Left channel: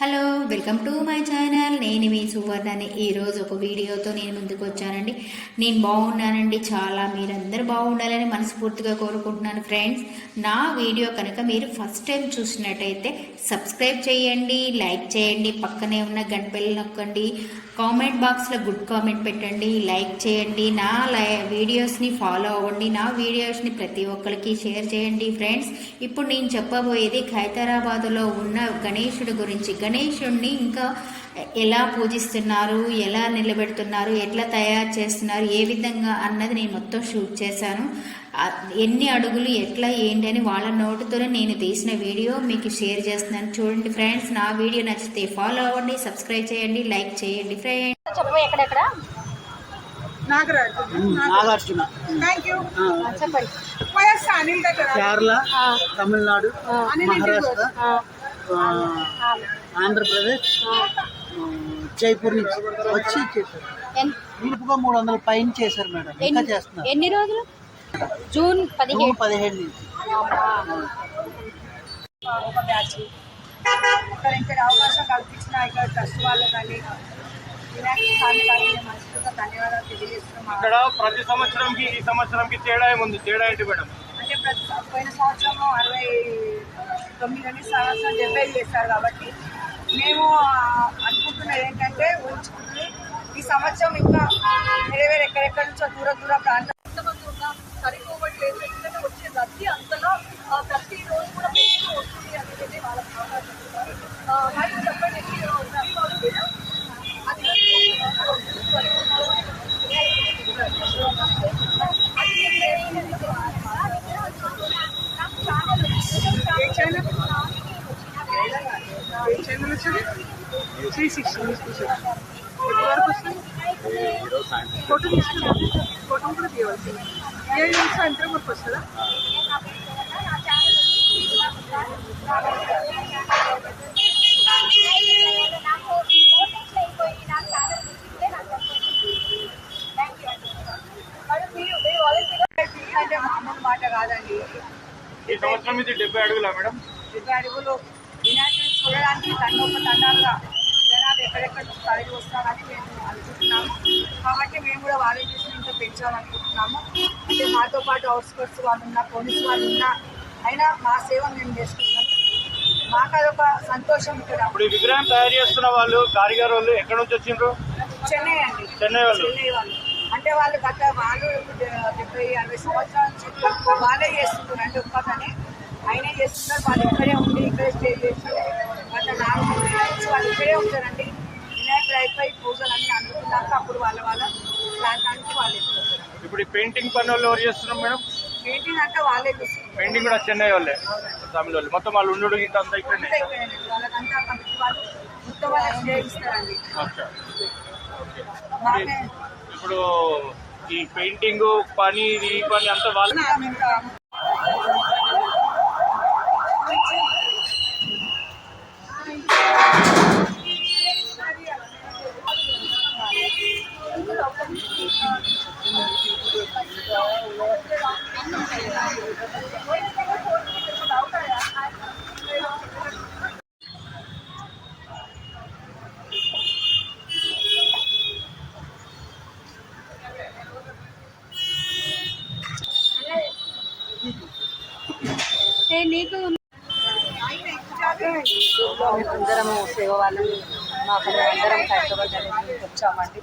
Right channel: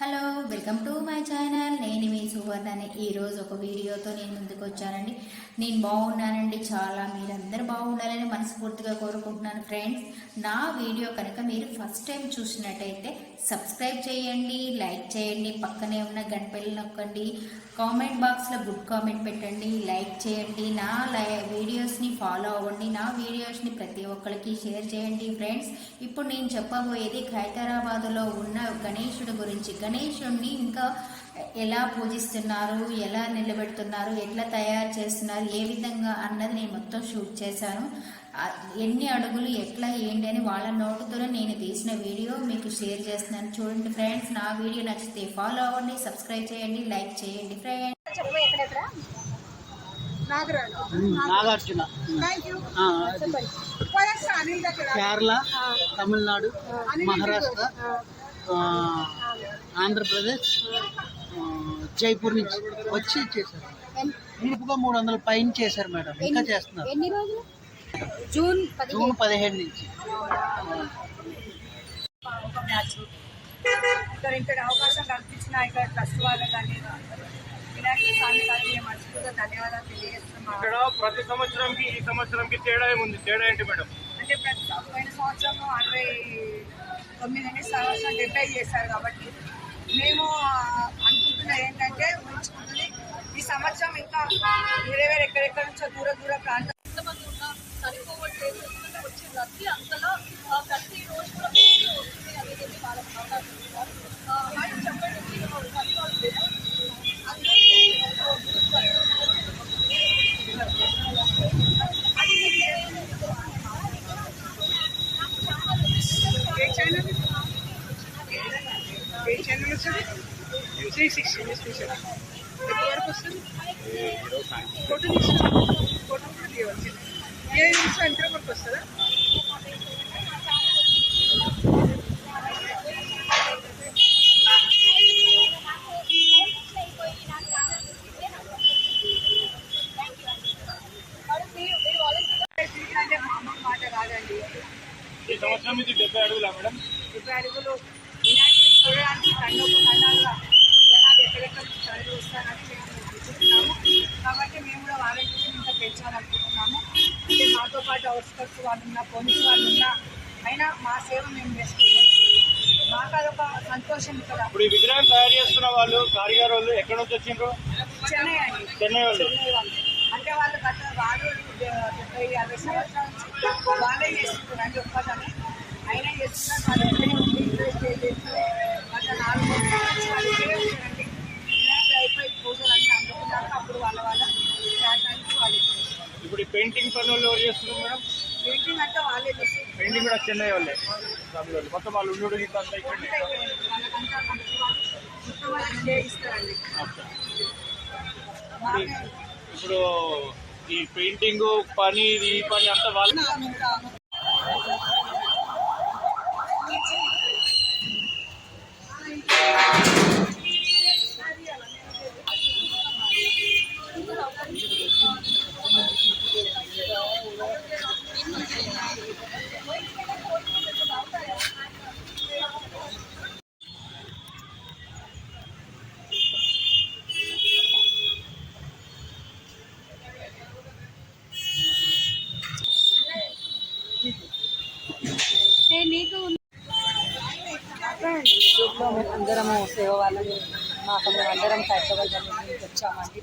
Hello welcome to my channel. నేను మీ సువర్ణని. ఈరోజు ఒక వీడియోతో నేను ముందుకు వచ్చానండి. నేను బాగున్నానండి. చాలా మీరందరూ బాగుండాలని మనస్ఫూర్తిగా కోరుకుంటున్నాను ఫ్రెండ్స్. నా వీడియో కనుక మీరు ఫస్ట్ టైం చూసినట్టయితే సబ్స్క్రైబ్ చేయండి లైక్ చేయండి పక్కనే ఉన్న గంటపెల్లి నొక్కండి కామెంట్ బాక్స్లో గుడ్ కామెంట్ పెట్టండి లైక్ చేయండి నా లై వీడియోస్ని ఫాలో అవ్వండి నా వీడియోస్ని ప్రతి ఒక్కరికి షేర్ చేయండి ఫ్రెండ్స్. ఇప్పుడు నేను చెప్పబోయేది ఖైతరాబాద్లో ఉన్న గణేశుడి గురించి. గణేశుడిని ఇంకా ఎలా పూజిస్తున్నారు ఎలా నిలబెడుతున్నారు ఎట్లా తయారు చేస్తున్నారు ఏ విధంగా అన్నది నేను మొత్తం షూట్ చేశాను. ఎన్ని అడుగులు ఎట్లా ఏంటి అని వాళ్ళ నోటుతోనే నేను తీసిన వీడియో మీకు షేర్ చేస్తున్నాను. చూడండి ఫ్రెండ్స్ నా వీడియో నచ్చితే ఫాలో అవ్వండి సబ్స్క్రైబ్ చేయండి లైక్ చేయండి ఫ్రెండ్స్ చెప్పు ఎక్కడెక్కడ? నాగరాజు. నాగార్జున. థ్యాంక్ యూ ఆ, చెప్పండి. కేరళ తమిళనాడు మహారాష్ట్ర. ఆంధ్రప్రదేశ్ జైపూర్ నుంచి వచ్చి చేశారు. మూడు వందల పైన చేశారు మేడం. ఇంకా ఎన్ని- చేస్తున్నారు. ఎన్ని రోజులు? జూన్ పదిహేడు. జూన్ పదిహేడు నుంచి. ఒక బ్యాచ్ ఇక్కడ ఇక్కడ అవకాశం కల్పించిన ఇక్కడ ట్రస్ట్ వాళ్ళు కానీ ఇక్కడ ప్రతి సంవత్సరంకి ఈ సంవత్సరంకి తేడా ఏముంది? తేడా ఏంటి మేడం? అంటే ప్రతి పోయిన సంవత్సరము అరవై తొమ్మిది సంవత్సరం డెబ్బై చేశారు కాబట్టి మేము అనుకుంటున్నది ఏంటంటే ఊహించుకుంటుంది ఈ సంవత్సరం ఇంకా వేరే వేరే ఎక్కడెక్కడ నుంచో దూర దూర ప్రాంతం ఎంతమంది ఉన్నా సరిపోవట్లేదు ఎందుకంటే వచ్చే రద్దీ అంతలా ప్రతిరోజు ప్రతి రోజు కూడా త్రీ సిక్స్టీ ఎప్పటి వరకు వస్తుంది ఫోటో తీసుకున్నాను. ఫోటో కూడా తీయవలసింది. ఏ సాయంత్రం వరకు వస్తుందా మాట కాదండి ఈ సంవత్సరం ఇది డెబ్బై అడుగులా మేడం? డెబ్బై అడుగులు. వినాయకుడిని చూడడానికి తండోప తండాలుగా ఎక్కడెక్కడ తరలి వస్తారని మేము అనుకుంటున్నాము. కాబట్టి మేము కూడా వాలంటీర్స్ని ఇంకా పెంచాలనుకుంటున్నాము. అంటే మాతో పాటు అవుట్స్కట్స్ వాళ్ళు ఉన్నా పోలీస్ వాళ్ళు ఉన్నా అయినా మా సేవ మేము చేసుకుంటున్నాం. మాకు అదొక సంతోషం ఇక్కడ. ఇప్పుడు ఈ విగ్రహం తయారు చేస్తున్న వాళ్ళు కారిగార్ వాళ్ళు ఎక్కడ నుంచి వచ్చిండ్రు? చెన్నై అండి. చెన్నై వాళ్ళు. చెన్నై వాళ్ళు. అంటే వాళ్ళు గత వాళ్ళు డెబ్బై అరవై సంవత్సరాల నుంచి వాళ్ళే చేస్తుంటారు అంటే ఉత్పత్తిని అయినా చేస్తున్నారు. వాళ్ళు ఇక్కడే ఉండి ఇక్కడే స్టే చేసి గత నాలుగు నెలల నుంచి వాళ్ళు ఇక్కడే ఉంటారండి వినాయక అయిపోయి పూజలు అన్నీ అందుకున్నాక అప్పుడు వాళ్ళ వాళ్ళ ప్రాంతానికి వాళ్ళు ఎక్కుతారు ఇప్పుడు ఈ పెయింటింగ్ పని వాళ్ళు ఎవరు చేస్తున్నాం మేడం? పెయింటింగ్ అంటే వాళ్ళే పెయింటింగ్ కూడా చెన్నై వాళ్ళే? తమిళ వాళ్ళు. మొత్తం వాళ్ళు ఉండు గీత అంతా ఇక్కడే? ఇప్పుడు ఈ పెయింటింగ్ పని ఈ పని అంతా వాళ్ళు? అందరము సేవ వాళ్ళని మాకు అందరం హైదరాబాద్ వచ్చామండి.